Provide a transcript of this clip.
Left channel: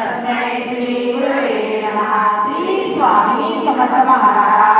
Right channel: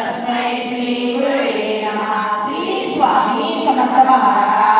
तस्मै श्रीगुरवे नमः श्रीस्वामी समर्थमहाराणा